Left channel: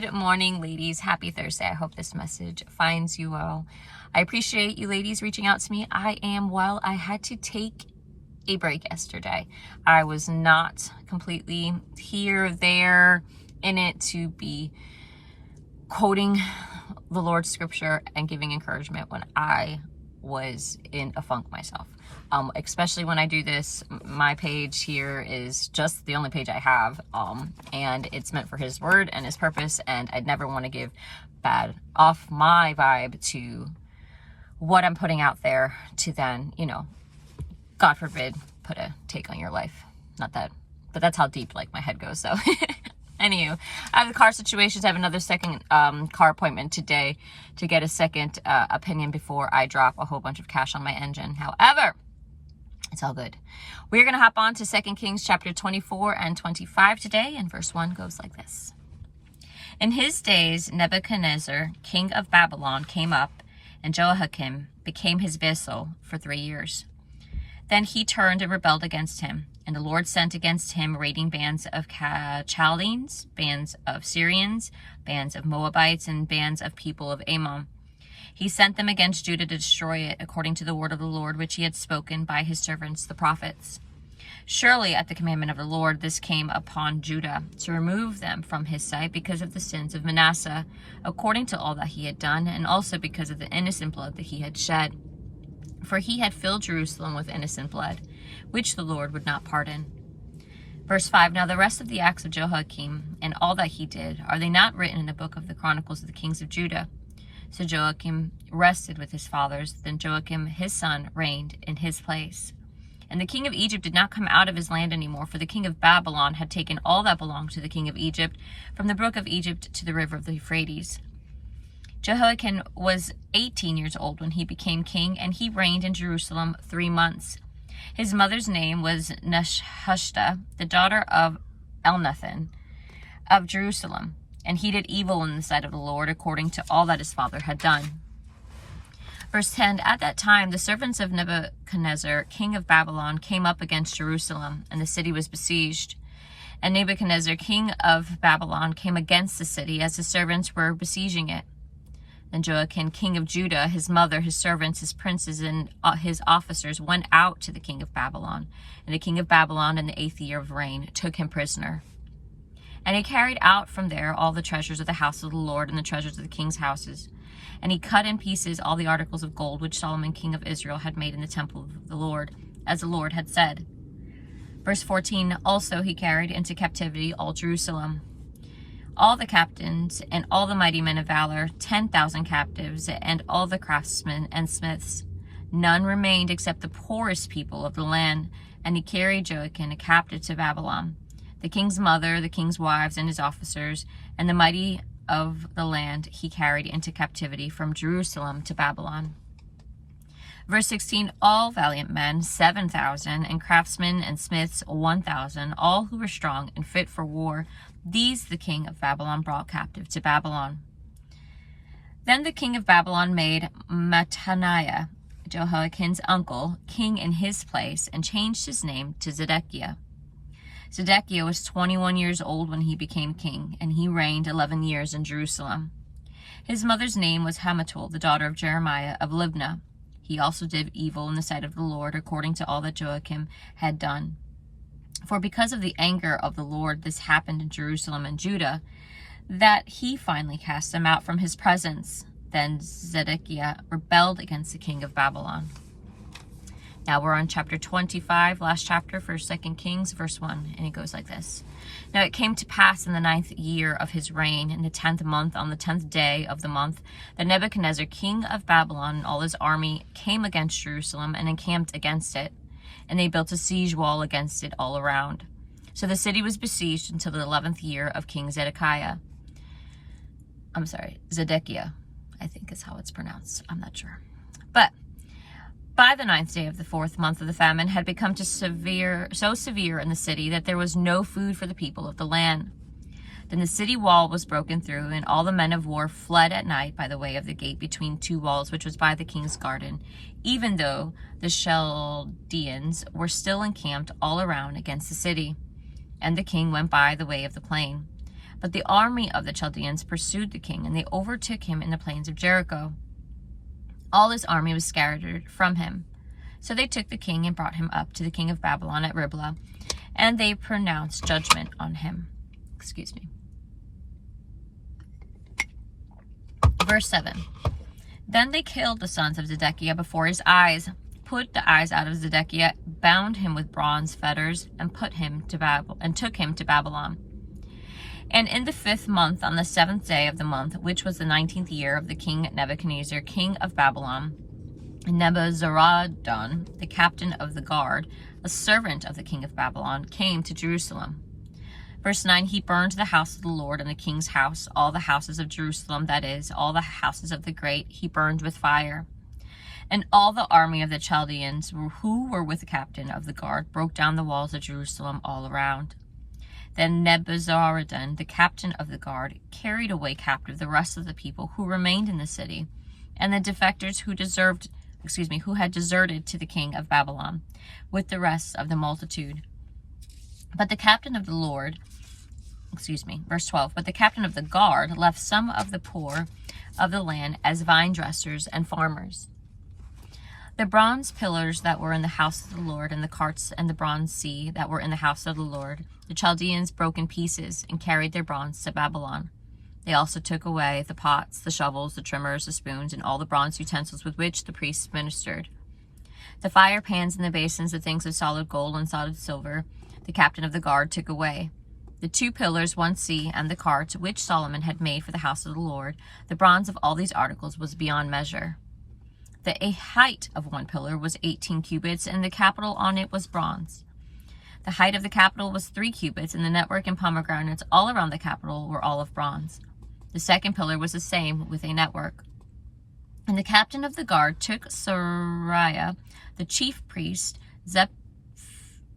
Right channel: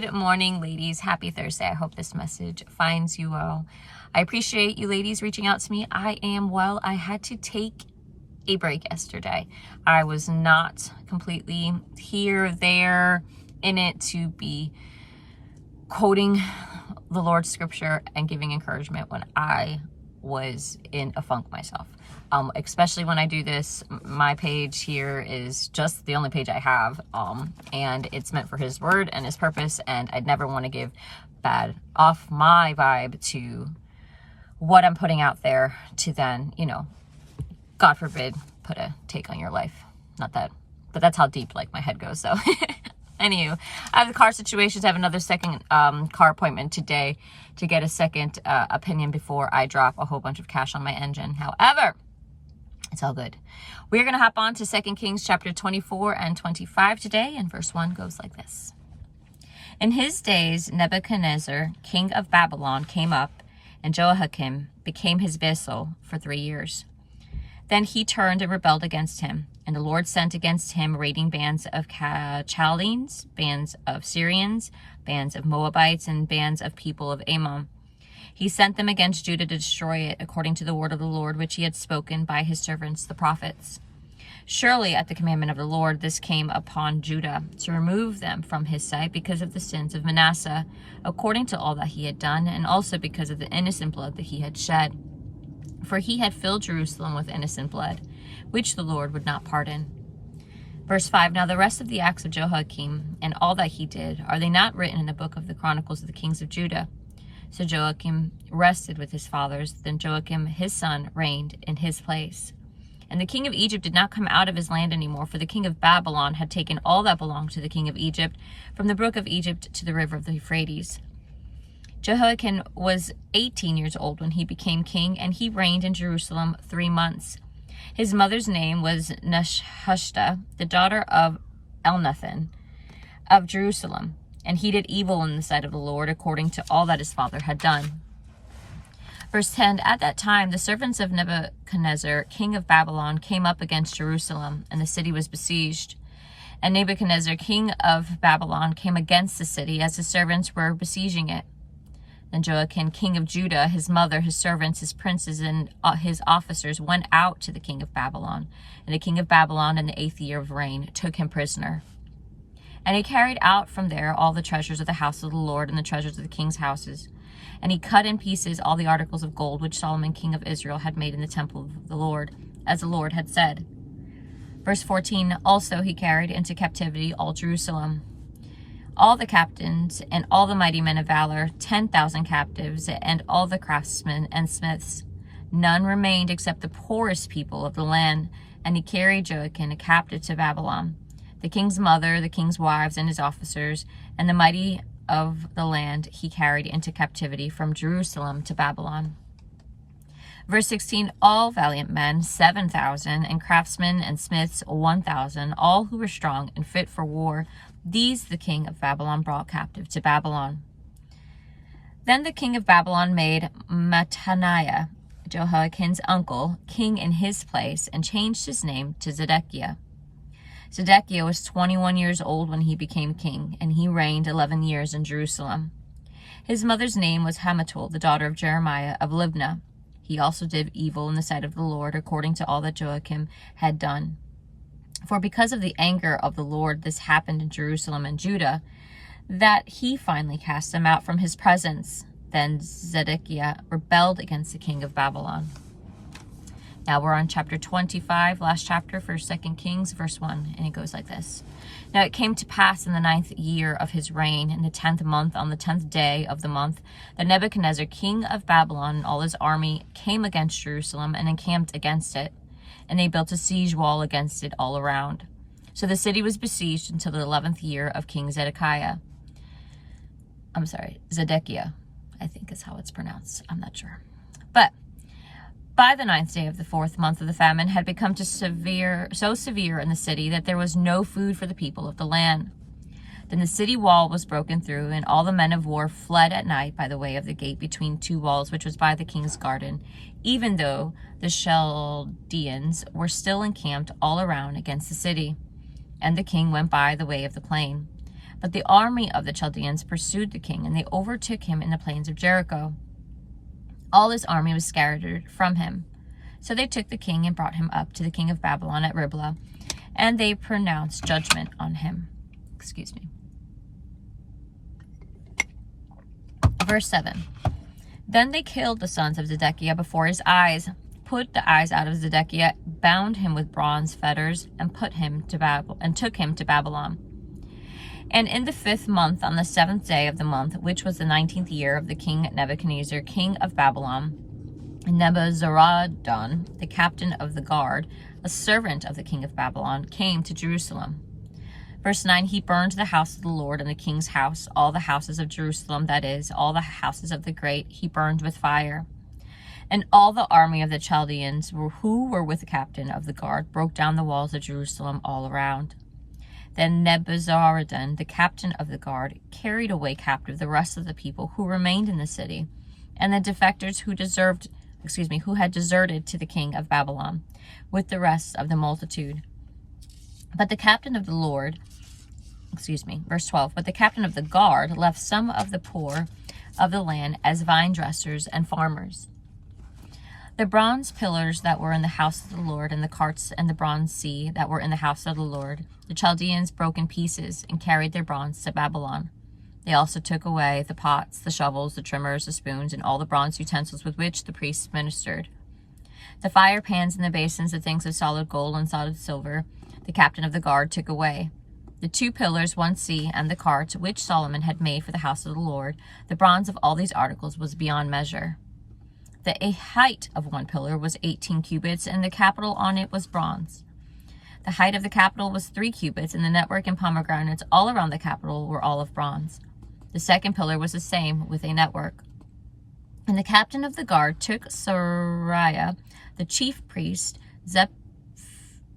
Good morning, ladies. Happy Thursday. I hope this message finds you well. I appreciate you ladies reaching out to me. I am well. I had to take a break yesterday. I was not completely here, there, in it to be quoting the Lord's scripture and giving encouragement when I was in a funk myself. Especially when I do this, my page here is just the only page I have, and it's meant for His word and His purpose, and I'd never want to give bad off my vibe to what I'm putting out there to then, God forbid, put a take on your life. Not that, but that's how deep my head goes. So anywho, I have the car situations. I have another second car appointment today to get a second opinion before I drop a whole bunch of cash on my engine. However, it's all good. We're going to hop on to 2 Kings chapter 24 and 25 today, and verse 1 goes like this. In his days, Nebuchadnezzar, king of Babylon, came up, and Jehoiakim became his vassal for 3 years. Then he turned and rebelled against him, and the Lord sent against him raiding bands of Chaldeans, bands of Syrians, bands of Moabites, and bands of people of Ammon. He sent them against Judah to destroy it, according to the word of the Lord, which he had spoken by his servants the prophets. Surely at the commandment of the Lord this came upon Judah, to remove them from his sight because of the sins of Manasseh, according to all that he had done, and also because of the innocent blood that he had shed. For he had filled Jerusalem with innocent blood, which the Lord would not pardon. Verse 5, Now the rest of the acts of Jehoiakim, and all that he did, are they not written in the book of the Chronicles of the kings of Judah? So Joachim rested with his fathers. Then Joachim his son reigned in his place. And the king of Egypt did not come out of his land anymore, for the king of Babylon had taken all that belonged to the king of Egypt, from the brook of Egypt to the river of the Euphrates. Jehoiachin was 18 years old when he became king, and he reigned in Jerusalem 3 months. His mother's name was Nehushta, the daughter of Elnathan of Jerusalem. And he did evil in the sight of the Lord, according to all that his father had done. Verse 10, At that time the servants of Nebuchadnezzar, king of Babylon, came up against Jerusalem, and the city was besieged. And Nebuchadnezzar, king of Babylon, came against the city as his servants were besieging it. Then Joachim, king of Judah, his mother, his servants, his princes, and his officers went out to the king of Babylon. And the king of Babylon, in the 8th year of reign, took him prisoner. And he carried out from there all the treasures of the house of the Lord and the treasures of the king's houses. And he cut in pieces all the articles of gold which Solomon king of Israel had made in the temple of the Lord, as the Lord had said. Verse 14, Also he carried into captivity all Jerusalem, all the captains and all the mighty men of valor, 10,000 captives, and all the craftsmen and smiths. None remained except the poorest people of the land. And he carried Joachim a captive to Babylon. The king's mother, the king's wives, and his officers, and the mighty of the land he carried into captivity from Jerusalem to Babylon. Verse 16, All valiant men, 7,000, and craftsmen and smiths, 1,000, all who were strong and fit for war, these the king of Babylon brought captive to Babylon. Then the king of Babylon made Mattaniah, Jehoiachin's uncle, king in his place, and changed his name to Zedekiah. Zedekiah was 21 years old when he became king, and he reigned 11 years in Jerusalem. His mother's name was Hamutal, the daughter of Jeremiah of Libnah. He also did evil in the sight of the Lord, according to all that Joachim had done. For because of the anger of the Lord this happened in Jerusalem and Judah, that he finally cast them out from his presence. Then Zedekiah rebelled against the king of Babylon. Now we're on chapter 25, last chapter for 2 Kings, verse 1, and it goes like this. Now it came to pass in the 9th year of his reign, in the 10th month, on the 10th day of the month, that Nebuchadnezzar, king of Babylon, and all his army came against Jerusalem and encamped against it, and they built a siege wall against it all around. So the city was besieged until the 11th year of King Zedekiah. Zedekiah, I think is how it's pronounced. I'm not sure. But by the 9th day of the 4th month of the famine had become so severe in the city that there was no food for the people of the land. Then the city wall was broken through, and all the men of war fled at night by the way of the gate between 2 walls, which was by the king's garden, even though the Chaldeans were still encamped all around against the city. And the king went by the way of the plain. But the army of the Chaldeans pursued the king, and they overtook him in the plains of Jericho. All his army was scattered from him. So they took the king and brought him up to the king of Babylon at Riblah, and they pronounced judgment on him. Verse 7. Then they killed the sons of Zedekiah before his eyes, put the eyes out of Zedekiah, bound him with bronze fetters, and took him to Babylon. And in the 5th month, on the 7th day of the month, which was the 19th year of the king Nebuchadnezzar, king of Babylon, Nebuzaradan, the captain of the guard, a servant of the king of Babylon, came to Jerusalem. Verse 9, he burned the house of the Lord and the king's house, all the houses of Jerusalem, that is, all the houses of the great, he burned with fire. And all the army of the Chaldeans who were with the captain of the guard broke down the walls of Jerusalem all around. Then Nebuzaradan, the captain of the guard, carried away captive the rest of the people who remained in the city, and the defectors who had deserted to the king of Babylon, with the rest of the multitude. But the captain of the verse 12, but the captain of the guard left some of the poor of the land as vine dressers and farmers. The bronze pillars that were in the house of the Lord, and the carts and the bronze sea that were in the house of the Lord, the Chaldeans broke in pieces and carried their bronze to Babylon. They also took away the pots, the shovels, the trimmers, the spoons, and all the bronze utensils with which the priests ministered. The fire pans and the basins, the things of solid gold and solid silver, the captain of the guard took away. The 2 pillars, 1 sea, and the carts, which Solomon had made for the house of the Lord, the bronze of all these articles was beyond measure. The height of 1 pillar was 18 cubits, and the capital on it was bronze. The height of the capital was 3 cubits, and the network and pomegranates all around the capital were all of bronze. The 2nd pillar was the same, with a network. And the captain of the guard took Sariah, the chief priest,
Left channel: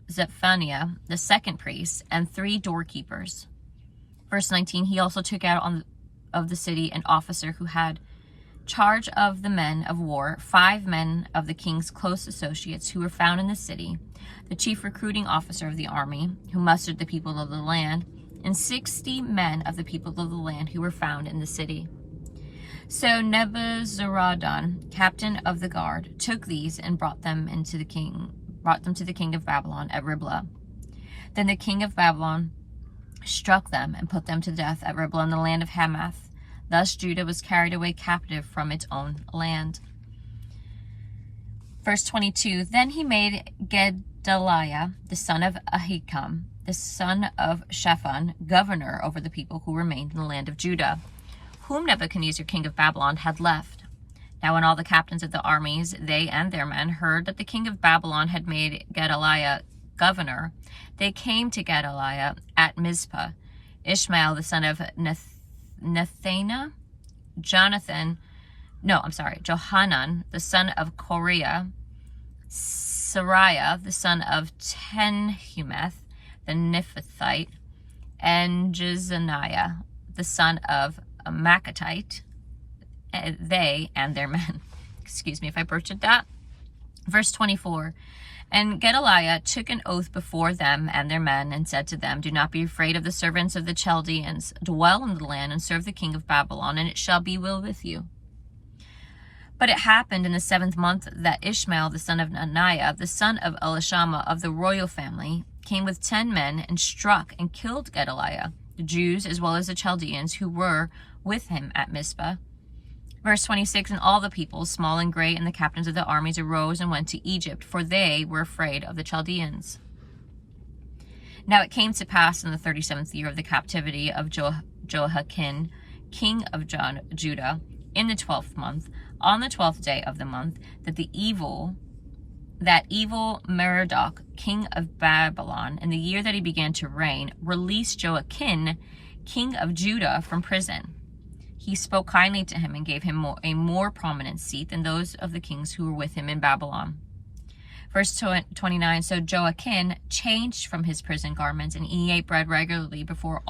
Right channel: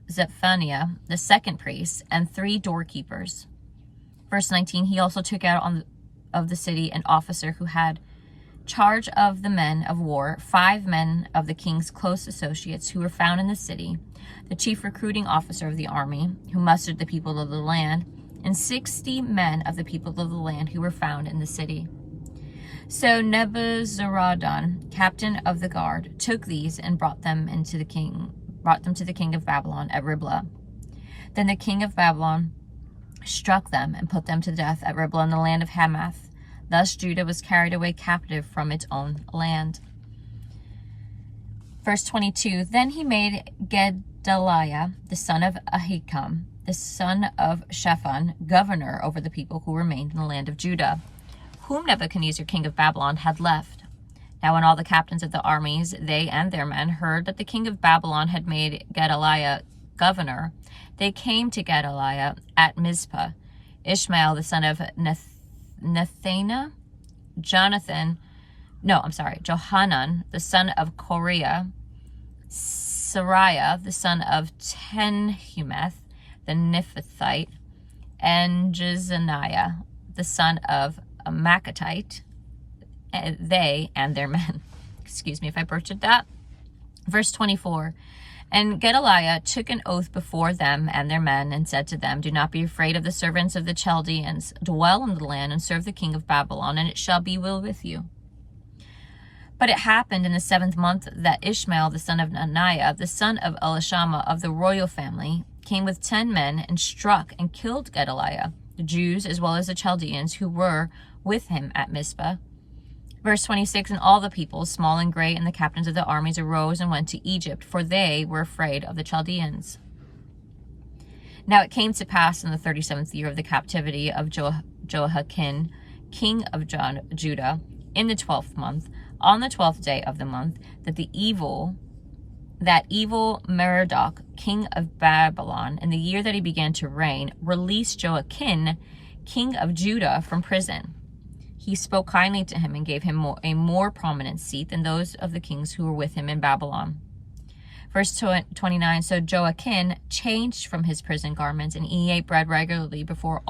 Zephaniah, the 2nd priest, and 3 doorkeepers. Verse 19, he also took out of the city an officer who had charge of the men of war, 5 men of the king's close associates who were found in the city, the chief recruiting officer of the army, who mustered the people of the land, and 60 men of the people of the land who were found in the city. So Nebuzaradan, captain of the guard, took these and brought them to the king of Babylon at Riblah. Then the king of Babylon struck them and put them to death at Riblah in the land of Hamath. Thus Judah was carried away captive from its own land. Verse 22, then he made Gedaliah, the son of Ahikam, the son of Shaphan, governor over the people who remained in the land of Judah, whom Nebuchadnezzar, king of Babylon, had left. Now when all the captains of the armies, they and their men, heard that the king of Babylon had made Gedaliah governor, they came to Gedaliah at Mizpah. Ishmael, the son of Johanan, the son of Korea, Sariah, the son of Tenhumeth, the Niphathite, and Jezaniah, the son of a Maccatite, they and their men. Excuse me if I butchered that. Verse 24, and Gedaliah took an oath before them and their men, and said to them, do not be afraid of the servants of the Chaldeans. Dwell in the land and serve the king of Babylon, and it shall be well with you. But it happened in the 7th month that Ishmael, the son of Ananiah, the son of Elishama of the royal family, came with 10 men and struck and killed Gedaliah, the Jews as well as the Chaldeans who were with him at Mizpah. Verse 26, and all the people, small and great, and the captains of the armies arose and went to Egypt, for they were afraid of the Chaldeans. Now it came to pass in the 37th year of the captivity of Jehoiachin, king of Judah, in the 12th month, on the 12th day of the month, that evil Merodach, king of Babylon, in the year that he began to reign, released Jehoiachin, king of Judah, from prison. He spoke kindly to him and gave him a more prominent seat than those of the kings who were with him in Babylon. Verse 29, so Jehoiachin changed from his prison garments, and he ate bread regularly before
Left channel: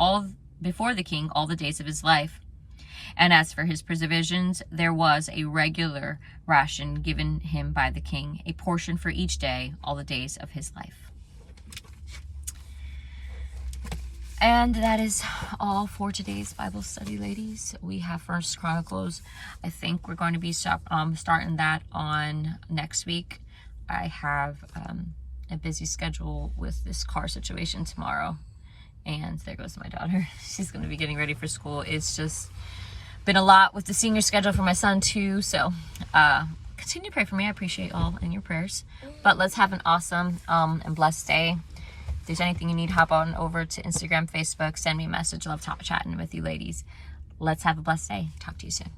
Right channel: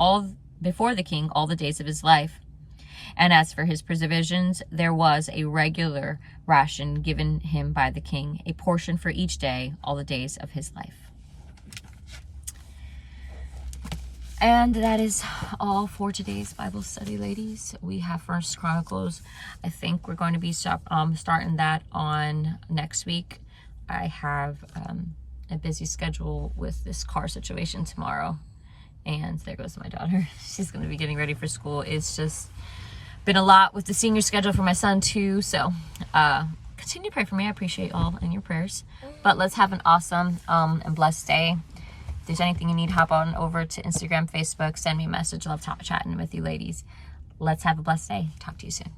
the king all the days of his life. And as for his provisions, there was a regular ration given him by the king, a portion for each day, all the days of his life. And that is all for today's Bible study, ladies. We have First Chronicles. I think we're going to be starting that on next week. I have a busy schedule with this car situation tomorrow. And there goes my daughter. She's going to be getting ready for school. It's just been a lot with the senior schedule for my son too. So continue to pray for me. I appreciate all in your prayers. But let's have an awesome and blessed day. If there's anything you need, hop on over to Instagram, Facebook, send me a message. Love chatting with you ladies. Let's have a blessed day. Talk to you soon.